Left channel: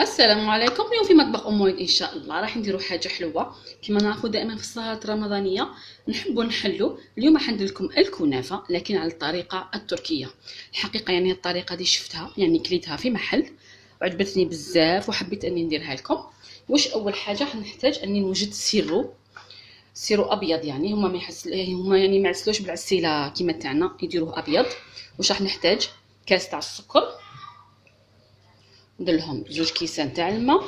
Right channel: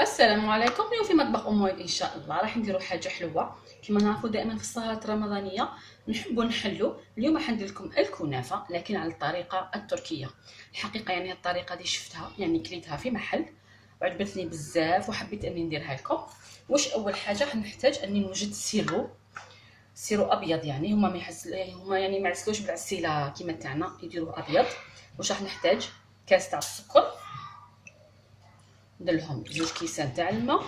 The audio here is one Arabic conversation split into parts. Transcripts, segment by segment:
السلام عليكم. اليوم في مطبخ ام وائل ان شاء الله راح نديروا حاجه حلوه كما نعرفوا دائما في السهرات الرمضانيه نحبوا نحلوا. اليوم راح ندير لكم الكنافه لكن على الطريقه التركيه. الحقيقه يعني الطريقه دي شفتها يعني كليتها في محل وعجبتني بزاف وحبيت اني نديرها لكم. واش اول حاجه حنحتاج اني نوجد سيرو ابيض، يعني هما يعني ما يعسلوش بالعسيله كيما تاعنا، يديروه ابيض. واش راح نحتاج؟ كاس تاع السكر، ندير لهم 2 كيسان تاع الماء،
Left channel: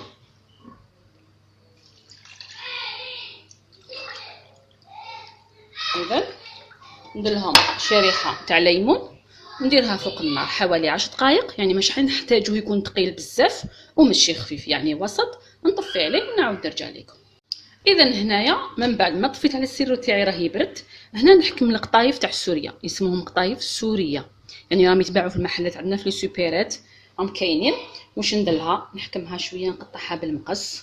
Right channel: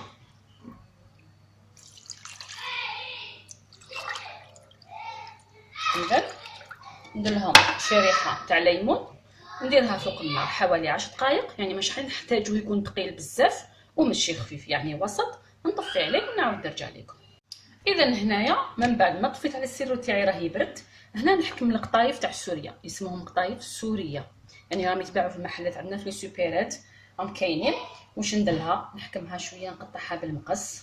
اذا ندير لهم شريحه تاع ليمون ونديرها فوق النار حوالي 10 دقائق، يعني مش حنحتاجو يكون ثقيل بزاف وماشي خفيف، يعني وسط. نطفي عليه ونعاود نرجع لكم. اذا هنايا من بعد ما طفيت على السيرو تاعي راه يبرد، هنا نحكم القطايف تاع سوريا، يسموهم قطايف سوريه، يعني راهم يتباعوا في المحلات عندنا في لي سوبيرات، راهم كاينين. واش نديرها؟ نحكمها شويه، نقطعها بالمقص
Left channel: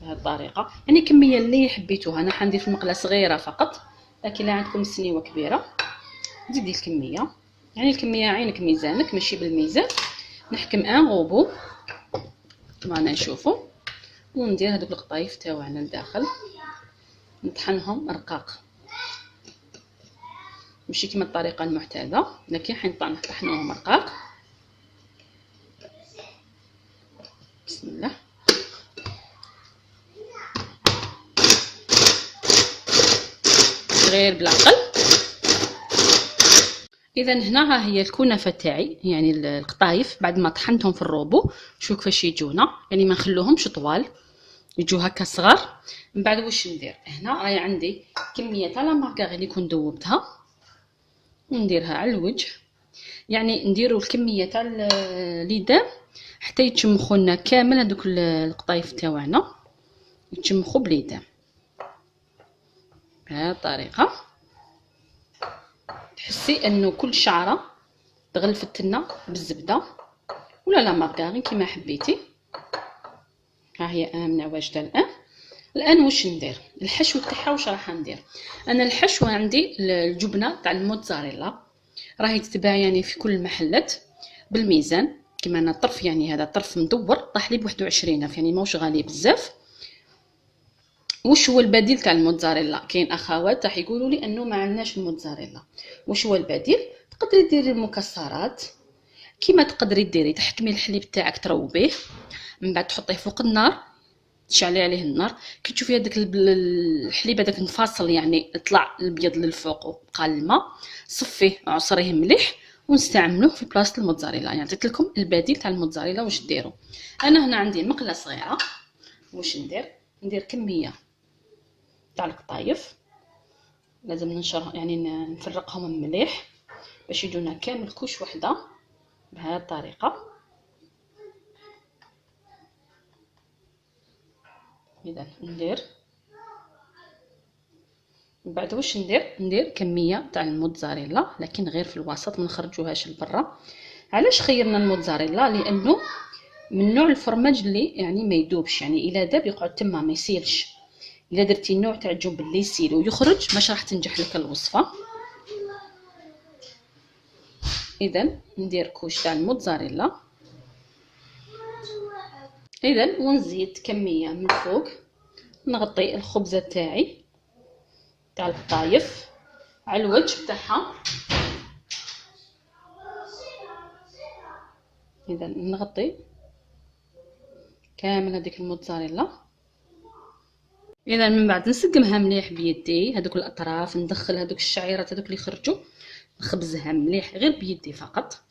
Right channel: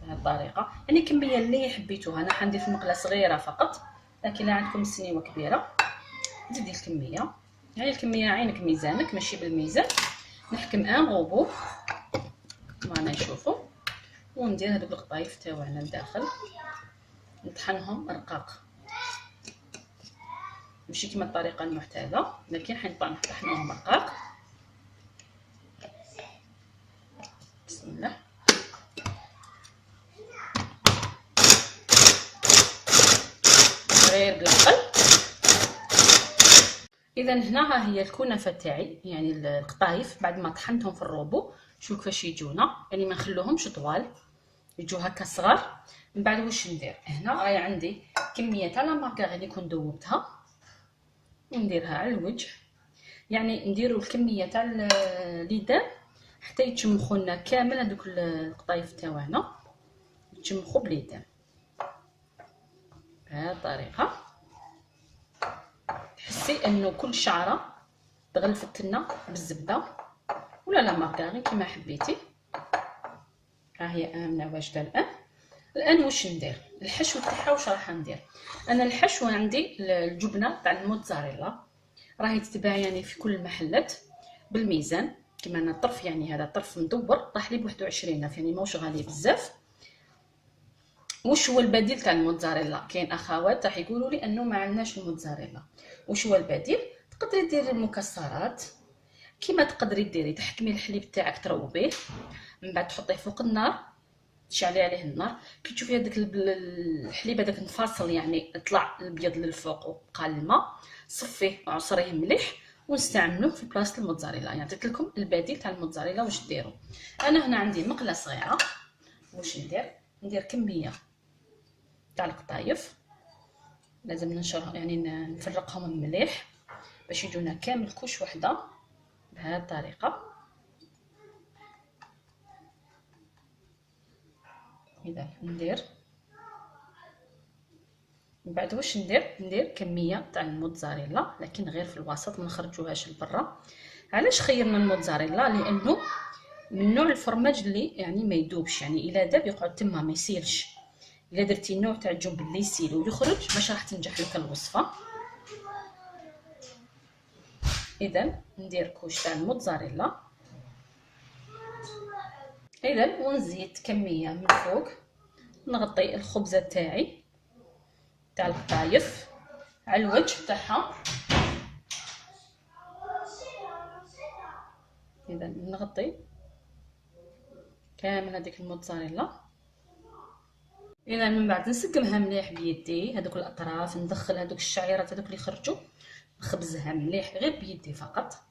بهذه الطريقه، يعني كميه اللي حبيتوها. انا حندير في مقله صغيره فقط، لكن لا عندكم سنيوه كبيره زيدي الكميه، يعني الكميه عينك ميزانك ماشي بالميزان. نحكم ان غوبو معنا نشوفوا، وندير هذوك القطايف تاعنا لداخل، نطحنهم رقاق ماشي كما الطريقه المعتاده، لكن حنطحنوهم رقاق. بسم الله. غير بالعقل. اذا هنا ها هي الكنافه تاعي، يعني القطايف بعد ما طحنتهم في الروبو شوف كيفاش يجونا، يعني ما نخلوهمش طوال، يجوا هكا صغار. من بعد واش ندير؟ هنا راهي عندي كميه تاع لا مارغرين اللي كنت ذوبتها ونديرها على الوجه، يعني نديروا الكميه تاع الليدام حتى يتشمخوا لنا كامل هذوك القطايف تاعنا، يتشمخوا بليدام بهذه الطريقه. تحسي انه كل شعره تغلفت لنا بالزبده ولا لا مارغرين كيما حبيتي. ها هي امنه واجده الان واش ندير؟ الحشو تاعها واش راح ندير؟ انا الحشو عندي الجبنه تاع الموتزاريلا، راهي تتباع يعني في كل المحلات بالميزان كيما انا الطرف، يعني هذا طرف مدور طاح لي ب21 الف، يعني ماهوش غالي بزاف. واش هو البديل تاع الموتزاريلا؟ كاين اخوات راح يقولوا لي انه ما عندناش الموتزاريلا. واش هو البديل؟ تقدري ديري المكسرات كيما تقدري ديري، تحكمي الحليب تاعك تروبيه، من بعد تحطيه فوق النار، تشعلي عليه النار، كي تشوفي هذاك الحليب هذاك انفصل يعني طلع الابيض للفوق وبقى الماء، صفيه عصريه مليح ونستعملوه في بلاصه الموتزاريلا. يعني عطيت لكم البديل تاع الموتزاريلا واش ديروا. انا هنا عندي مقله صغيره، واش ندير كميه تاع القطايف، لازم ننشرهم يعني نفرقهم مليح باش يجونا كامل كوش وحده بهذه الطريقه. اذا ندير من بعد واش ندير كميه تاع الموتزاريلا، لكن غير في الوسط ما نخرجوهاش لبرا. علاش خيرنا الموتزاريلا؟ لانه من نوع الفرماج اللي يعني ما يذوبش، يعني الا داب يقعد تما ما يسيلش. الا درتي النوع تاع الجبن اللي يسيل ويخرج مش راح تنجح لك الوصفه. اذا ندير كوش تاع الموتزاريلا، اذا ونزيد كميه من فوق، نغطي الخبزه تاعي تاع القطايف على الوجه تاعها. اذا نغطي كامل هذيك الموتزاريلا. اذا من بعد نسقمها مليح بيدي، هذوك الاطراف ندخل هذوك الشعيرات هذوك اللي خرجوا، نخبزها مليح غير بيدي فقط،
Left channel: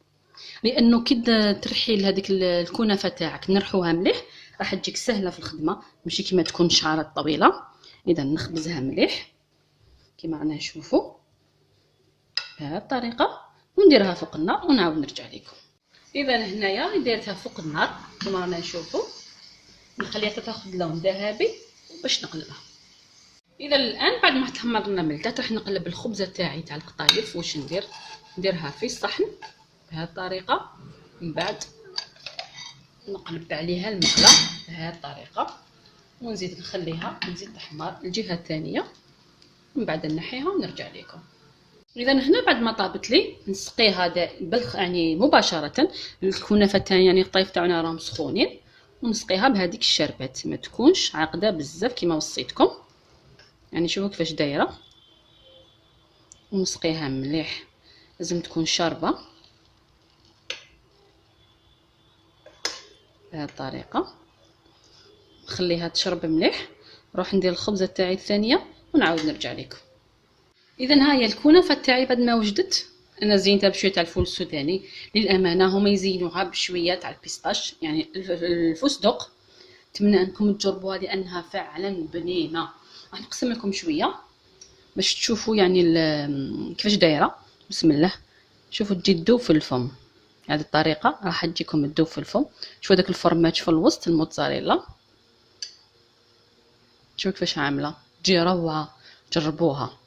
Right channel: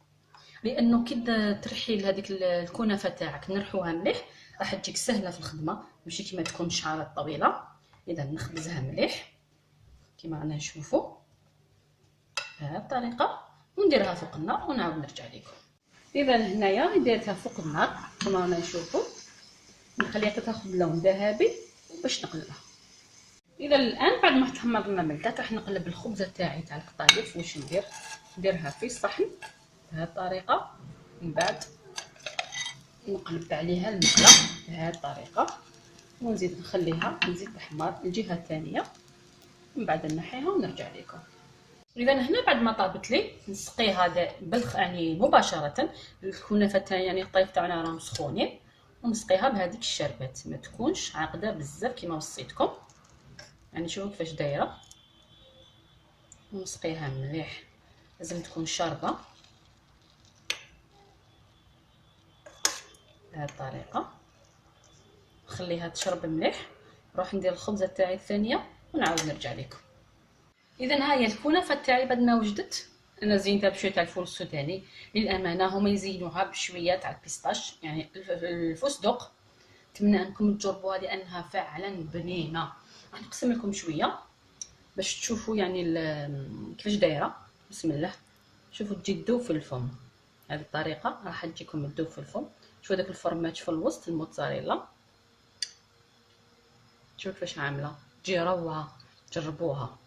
لانه كي ترحيل هذيك الكنافه تاعك نرحوها مليح راح تجيك سهله في الخدمه، ماشي كيما تكون شعرات طويله. اذا نخبزها مليح كيما رانا نشوفوا بهذه الطريقه ونديرها فوق النار ونعاود نرجع لكم. اذا هنايا درتها فوق النار كما رانا نشوفوا، نخليها تاخذ لون ذهبي باش نقلبها. اذا الان بعد ما تحمرنا ملتات راح نقلب الخبزه تاعي تاع القطايف. واش نديرها في الصحن بهذه الطريقه، من بعد نقلب عليها المقله بهذه الطريقه ونزيد نخليها تزيد تحمر الجهه الثانيه، من بعد نحيها ونرجع لكم. اذا هنا بعد ما طابت لي نسقيها يعني مباشره. الكنافه تاعي يعني الطيف تاعنا راهم سخونين، ونسقيها بهذيك الشربات، ما تكونش عاقده بزاف كما وصيتكم. يعني شوفوا كيفاش دايره، ونسقيها مليح، لازم تكون شاربه بهذه الطريقه. نخليها تشرب مليح، نروح ندير الخبزه تاعي الثانيه ونعاود نرجع لكم. اذا ها هي الكنافه تاعي بعد ما وجدت. انا زينتها بشويه تاع الفول السوداني، للامانه هما يزينوها بشويه تاع البيستاش يعني الفستق. نتمنى انكم تجربوها لانها فعلا بنينه. راح نقسم لكم شويه باش تشوفوا يعني كيفاش دايره. بسم الله، شوفوا تجي تذوب في الفم. هذه الطريقه راح تجيكم تذوب في الفم. شوفوا داك الفرماج في الوسط الموتزاريلا، شوفوا كيفاش عامله، تجي روعه. جربوها،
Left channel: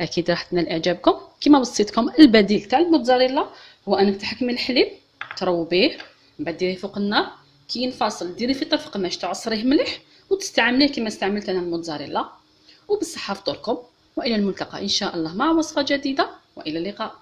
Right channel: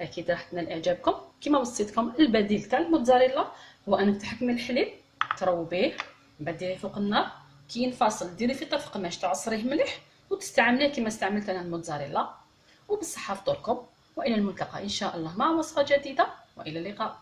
اكيد راح تنال اعجابكم. كما وصيتكم البديل تاع الموتزاريلا هو انك تحكمي الحليب تروبيه، من بعد ديريه فوق النار كي ينفصل ديري فيه طرف قماش تعصريه مليح وتستعمليه كما استعملت انا الموتزاريلا. وبالصحه فطوركم، والى الملتقى ان شاء الله مع وصفه جديده، والى اللقاء.